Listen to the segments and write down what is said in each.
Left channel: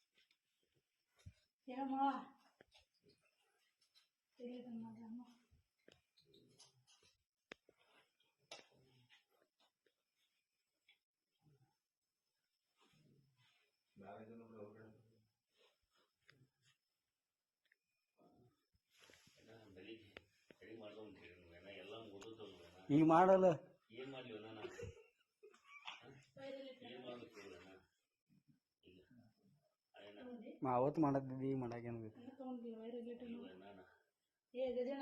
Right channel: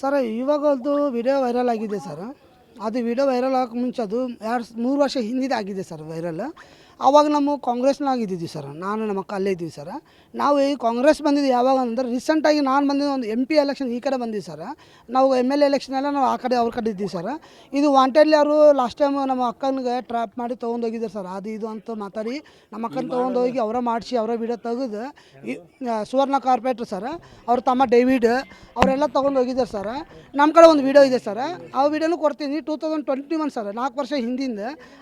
Sir ಇವಾಗದು video viral ಆಗಿದೆ sir. ಅದು video viral ಆಗೋಕೆ ಮುಂಚೆ ಅದು 3 ವರ್ಷ ಹಿಂದಿದೆ ಆಗಿದೆ ಸರ್ ವೈರಲ್. ಆವಾಗ ನಾವು ಕಾಂಗ್ರೆಸ್ನಾಗ ಇದ್ದಿದ್ವಿ ಸರ್. ನಾನು ನಮ್ಮ ಅಕ್ಕ ಅಲ್ಲೇ ಇದ್ವಿ ಸರ್. ನಾವು ಈ ಕಾಂಗ್ರೆಸ್ ಬಂದಿದ್ದು ಯಾವಾಗ ಅಂದ್ರೆ ರೀಸೆಂಟಾಗಿ ನಾನು ಬಂದಿದ್ದು ಒಂದು MP ಎಲೆಕ್ಷನ್ ಈ ಕಡೆ ಬಂದಿದ್ದು ಸರ್. ನಾವು MLA ಎಲೆಕ್ಷನ್ ಎಲ್ಲ ನಾವು ಆ ಕಡೆ ಅವ್ರ ಕಡೆ ಇದ್ದೀವಿ ಸರ್. ಇದು ವಾಂಟೆಡ್ಲಿ ಅವರು ಲಾಸ್ಟ್ ಟೈಮ್ ನಮ್ಮ ಅಕ್ಕನಿಗೆ ಟ್ರ್ಯಾಪ್ ಮಾಡಿ ತೊಗೊಂಡೋಗಿದ್ದಾರೆ ಸರ್. ಅದು ಇದು ಅಂತ ಮಾತಾಡಿ ನಮ್ಮ ಅಕ್ಕನ ತೊಗೊಂಡೋಗಿ ಅವರ ಮಾಡಿಸಿ ಅವರ ವಿಡಿಯೋ ತೆಗೆದು ಸುವರ್ಣ ಕಾರ್ಪೊರೇಟ್ರ್ ಸರ್ ಅವ್ರ ತಮ್ಮ ಡೇವಿಡ್ ಅವರೆಲ್ಲ ತೊಗೊಂಡು ಹೋಗಿದ್ದಾರೆ ಸರ್. ನಮ್ಮ ಕಡೆ ಒಂದು ವಿಡಿಯೋ ಇದೆ ಸರ್. ಆ ವಿಡಿಯೋನು ಕೊಡ್ತೀನಿ. 2021 ಸರ್, 4 ವರ್ಷ ಹಿಂದಿಂದ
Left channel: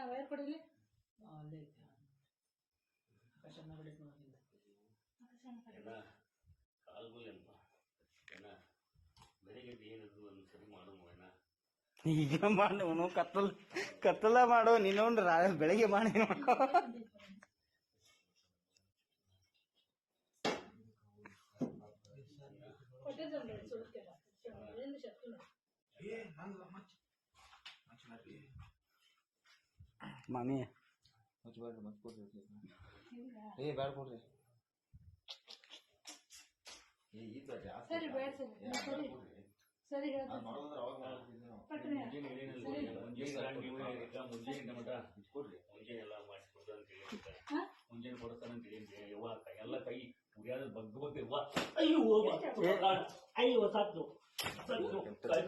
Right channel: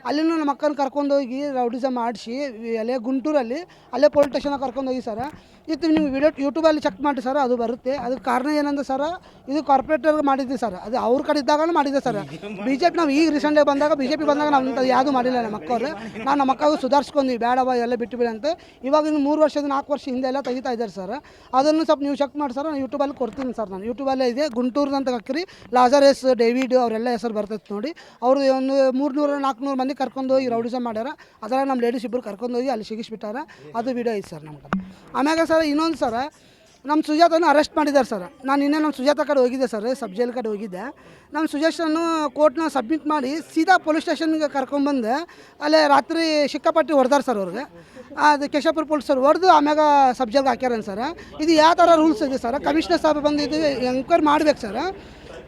ಅಲ್ಲಿನೂ ನಮ್ಮ ಅಕ್ಕನ ಕರ್ಕೊಂಡೋಗಿ ರೌಡಿಸಮ್ ಮಾಡಿಸಿ ಅಲ್ಲೇ ಗುಂಟೂರಲ್ಲಿ ಅಲ್ಲೇ ಪೊಲೀಸ್ ಸ್ಟೇಷನ್ ಕರ್ಕೊಂಡೋಗಿ ಸರ್. ಇದು ನೀವು ವಿಡಿಯೋ ಯೂಟ್ಯೂಬಲ್ಲಿ ಚೆಕ್ ಮಾಡಿ ಸರ್, ಅದು ಬರುತ್ತೆ. ಅದಕ್ಕೆ ಕಾರಣ ಏನಂದ್ರೆ ಸರ್, ಇದು ಕಾರ್ಪೊರೇಟರ್ಗೆ ಮಾಡಿದ್ವಿ ಸರ್. ಅದು ಅವ್ರ ಕಡೆ ಇದ್ದಾಗ ಮಾಡಿದ್ದೆ ಸರ್. BJP ನಾವು ಈಗ ರೀಸೆಂಟಾಗಿ ಬಂದಾಗ BJP ಬಂದಾಗ ನಾವು ಯಾವುದು ಮಾಡಿಲ್ಲ ನಮ್ಮ ಮಕ್ಕಳು. ನಾನು ನಮ್ಮ ಮಕ್ಕಳು ಸುಧಾರಿಸ್ಕೊಂಡ್ವಿ, ಬೇಡವ ಎಲ್ಲ ಬಿಟ್ಟು ಬಿಡಿ ಅಂತ. ಇವಾಗ ಇನ್ನು 3 ವರ್ಷದ 4 ವರ್ಷ ಹಿಂದೆ ಎಲ್ಲ ತೆಗಿತಾ ಇದ್ದಾರೆ ಸರ್. ಅದನ್ನು ಸ್ವಲ್ಪ ನೀವು ಚೆಕ್ ಮಾಡಿ ಸರ್. ನಾನು ಯೂಟ್ಯೂಬಲ್ಲಿ ಕೊಡ್ತೀನಿ ಸರ್. ನಾನು ಯೂಟ್ಯೂಬಲ್ಲೇ ಇದೆ, ಗುಂಟೂರು ಅಂತ ಹಾಕಿರಿ, ಲಾಜರಸ್, ಡೇವಿಡ್ ಅವರೆಲ್ಲ ಹೆಸರು ಬರ್ತೈತೆ ನೋಡಿ. ಅವರು ಒಂದು 300-400 ಮಂದಿ ಕರ್ಕೊಂಡು ಹೋಗಿ ರೌಡಿಸಮ್ ಮಾಡ್ಯಾರ. ಅದರ ನಮ್ಮ ಲೇಡೀಸ್ ಇಬ್ಬರು ಕರ್ಕೊಂಡು ಹೋಗಿ ಅಲ್ಲಿ ಸಿಗಿಸ್ಬಿಟ್ಟಾರ. ಅದು ವಿಡಿಯೋ ಐತೆ ಸರ್ ನಮ್ಗೆ. ಆಮ್ಯಾಗ ಸರ್ ಇನ್ನೊಂದು ಸರ್, ನಮ್ಮ ಸುಜಾತನ ಅರೆಸ್ಟ್ ಮಾಡಿದ್ದಾರೆ ಸರ್. ನಾನು ಇನ್ನೇ ನಮ್ಮ ಸುಜಾತ ಕಡೆ ಹೋಗಿದ್ದೆ ಸರ್, ಸಬ್ ಜೈಲ್ ಕಡೆ ಹೋಗಿದ್ದೆ. ನಮ್ಮ ಸುಜೆಷನ್ನು ಕೋರ್ಟ್ನ ಸಬ್ಮಿಟ್ ಮಾಡಿ ಸೀದಾ ಪೊಲೀಸ್ ಸ್ಟೇಷನ್ಗೆ ಕರ್ಕೊಂಡ್ಬಂದು ಅಲ್ಲೇ ರಾತ್ರಿ ಸಿಕ್ಕಾಪಟ್ಟಿ ಹೊಡೆದಾರೆ ಸರ್ ಅವ್ರಿಗೆ. ಅದು ಕೇಶಾಪುರ ಪೊಲೀಸರು ಹೊಡೆದು ಆಮ್ಯಾಗ ಸಬ್ ಜೈಲ್ಗೆ ಹಾಕ್ಯಾರನ್ ಸರ್. ಇದು ಯಾವ ಥರ ರೂಲ್ಸ್ ಇದೆ ಸರ್? ಕಮಿಷನರ್ ಸಾಹೇಬ್ ಬಂದು ಇದು ಎಂಕ್ವೈರಿ ಮಾಡ್ಬೇಕು ಸರ್.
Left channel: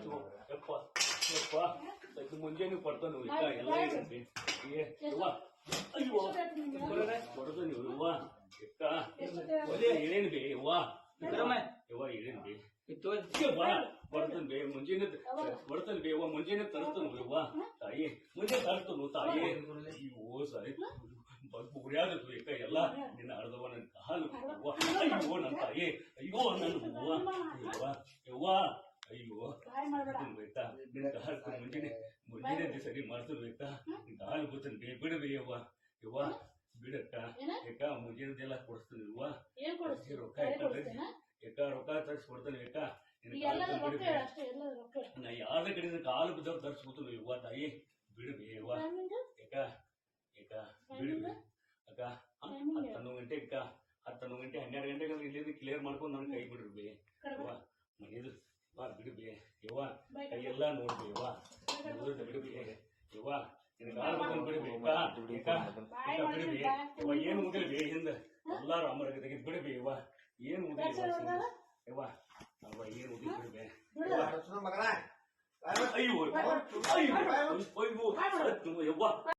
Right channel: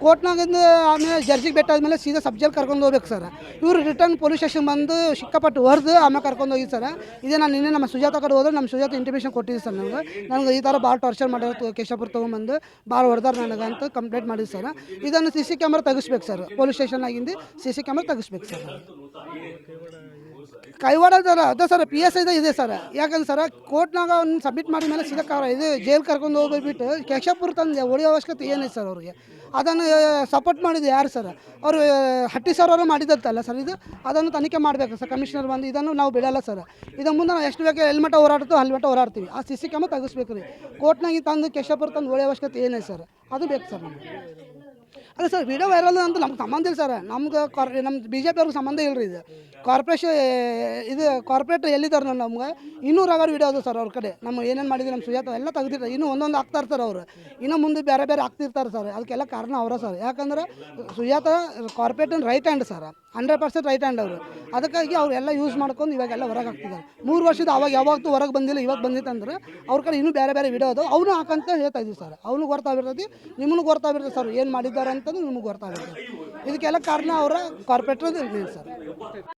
ಕೋರ್ಟ್ನಾಗಿಂದ ಆಮೇಲೆ ಜಡ್ಜಿಗೆ ಭೇಟಿ ಆದಮೇಲೆ ಸೀದಾ ಸಬ್ ಜೈಲ್ ಕರ್ಕೊಂಡು ಹೋಗ್ಬೇಕು ಸರ್. ಇವರು ರಿಟರ್ನ್ ಪೊಲೀಸ್ ಸ್ಟೇಷನ್ ಬಂದು ಸಿಕ್ಕಾಪಟ್ಟು ಹೊಡೆದು ಆಮೇಲೆ ಕರ್ಕೊಂಡು ಹೋಗಿ ಸರ್. ಇದೇ ನಾನು ನಿನ್ನೆ ನಮ್ಮ ಸುಜಾತ ಕಡೆ ಹೋದ್ರೆ ನಮ್ಮ ಸುಜಾತ ಇಂಟಿಮೇಷನ್ ಕೊಟ್ಟಿದ್ದೆ ಸರ್. ನನಗೆ ಈ ಥರ ಭಾಳ ಟಾರ್ಚರ್ ಮಾಡೋದು, ಕೇಶಾಪುರ ತೊಗೊಂಬಂದು ಭಾಳ ಹೊಡೆದಾರೆ ನನಗೆ ಅಂತ ಕಂಪ್ಲೇಂಟ್ ಮಾಡಿದ್ದು ಸರ್. ಇದನ್ನು CC ಕ್ಯಾಮ್ರಾ ತೆಗಿಸ್ಬೇಕು ಸರ್. ಪೊಲೀಸ್ ಸ್ಟೇಷನ್ನಾಗಿಂದು CC ಕ್ಯಾಮ್ರಾ ತೆಗಿಸ್ಬೇಕು ಸರ್. ಕೈವಾಡ ಸರ್ ಅದೇ ಸರ್, PSI ಇದೆ ಸರ್. ಯಾಕಂದ್ರೆ ಸರ್ ಕೋರ್ಟ್ನಾಗ ಅವ್ನು ಸಬ್ಮಿಟ್ ಮಾಡಿದ ಮೇಲೆ ಸೀದಾ ಇದು ಜೈಲ್ ಕರ್ಕೊಂಡು ಹೋಗ್ಬಿಟ್ಟು ಕೇಶಾಪುರ ತಂದು ಹೊಡೆಯೋ ಅವಶ್ಯಕತೆ ಏನಿದೆ ಸರ್ ಅವ್ರಿಗೆ? ಅದನ್ನು ಸಪೋರ್ಟ್ ಮಾಡಿದ್ದು ಯಾರು ಸರ್? ಅವರು ಹಟ್ಟಿ ಸರ್ ಅವರು ಮಾಡಿದ್ದಲ್ಲ ಸರ್. ಇದು ಅದನ್ನು ತನಿಖೆ ಮಾಡಬೇಕು ಸರ್ ಕಮಿಷನರ್ ಬಂದು. ಇದನ್ನು ನಾವು ಬಿಡಲ್ಲ ಸರ್. ಇದನ್ನು ಮುಂದೆ ನಾವು ಎಷ್ಟು ಬೇಕು ಹೆಲ್ಮೆಟ ಹೋರಾಡ್ತೀವಿ ಹೆಲ್ಮೆಟ ಹೋರಾಡ್ತೀವಿ. ಆ CC ಕ್ಯಾಮ್ರಾ ತೆಗಿಸ್ಬೇಕು ರೀ. ಕೋರ್ಟ್ನಾಗ ತಂದು ಕೇಶಾಪುರ ತಂದು ಹೊಡೆಯೋ ಅವಶ್ಯಕತೆ ಏನಿದೆ ಸರ್? ಅದು ಬೇಕು ಸರ್. ಅದೇ ಸರ್, ವಿಡಿಯೋ ವೈರಲ್ ಅಂತ ನಮ್ಗೆ ಸಂಬಂಧ ಇಲ್ಲ ಸರ್. ನಮ್ಗೆ ನಮ್ಮ BJP ಅವ್ರಿಗೆ ಸಂಬಂಧ ಇಲ್ಲ ರೀ. ಇದು ಕಾರ್ಪೊರೇಷನ್, ಇದು ಕಾರ್ಪೊರೇಟ್ ಎಲ್ಲಿದ್ದಾರೆ ನಮ್ಗೆ 200 ಆಗೋರು ವಿಡಿಯೋ ಅದು ಸರ್ ಅವ್ರ ಕಡೆ. ನಮ್ಮ ಏನೇನು ಮಾಡಿದ್ವಿ ನಮ್ಮ ಸುಜಾತ ಎಲ್ಲ ತೆಗೆದಿರ್ತಾರೆ. ಇನ್ನೂ ಒಂದೊಂದು ಆಗ್ತಾ ಇರ್ತಾರೆ ಅವರು. ಇನ್ನೂ ಮುಂದೆ ಬೇರೆ ಬೇರೆ ಆಗ್ತಿರ್ತಾರೆ ಸರ್. ಅದಕ್ಕೆಲ್ಲ ಕಾರಣ ಅವರ ಸರ್. ಯಾಕಂದ್ರೆ ಸುಜಾತ ಕಾರ್ಪೊರೇಟನ್ right hand sir, 100% right hand ಅವರು. ಅದಕ್ಕಾಗಿ ಅವರೆಲ್ಲ ಯೂಸ್ ಮಾಡ್ಕೊಂಡು ಇವಾಗೆಲ್ಲ ಹೊರಗೆ ಹಾಕ್ತಿದ್ದಾರೆ. 3 ವರ್ಷದ ಅವಾಗ ಯಾವತ್ತೂ ಹೊರಗೆ ಬಂದಿಲ್ಲ, ಇವಾಗ ಬಂದಿತ್ತಂದ್ರೆ ಅವ್ರ ಕಡೆ ಇನ್ನೂ ಬೇರೆ ಬೇರೆ ವಿಡಿಯೋ ಅದು ಅವನು ಹಾಕಂತ ಹೇಳ್ತಾ ಇದ್ದೀವಿ ಸರ್. ಅವನು ಗೊತ್ತಾಗಿರ್ತದೆ, ನಿಮ್ಮನ್ನು ಗೊತ್ತಾಗಿರ್ತದೆ ಸರ್ ಏನು ಮಾಡಿದ್ದಾರೆ ಅಂತಂದು ನಿಮ್ಗೆ ಗೊತ್ತಾಗಿರ್ತದೆ. ಇದಕ್ಕೆಲ್ಲ ಕಾರಣ ಅವರ ಕಾರ್ಪೊರೇಟರ್ ಸರ್.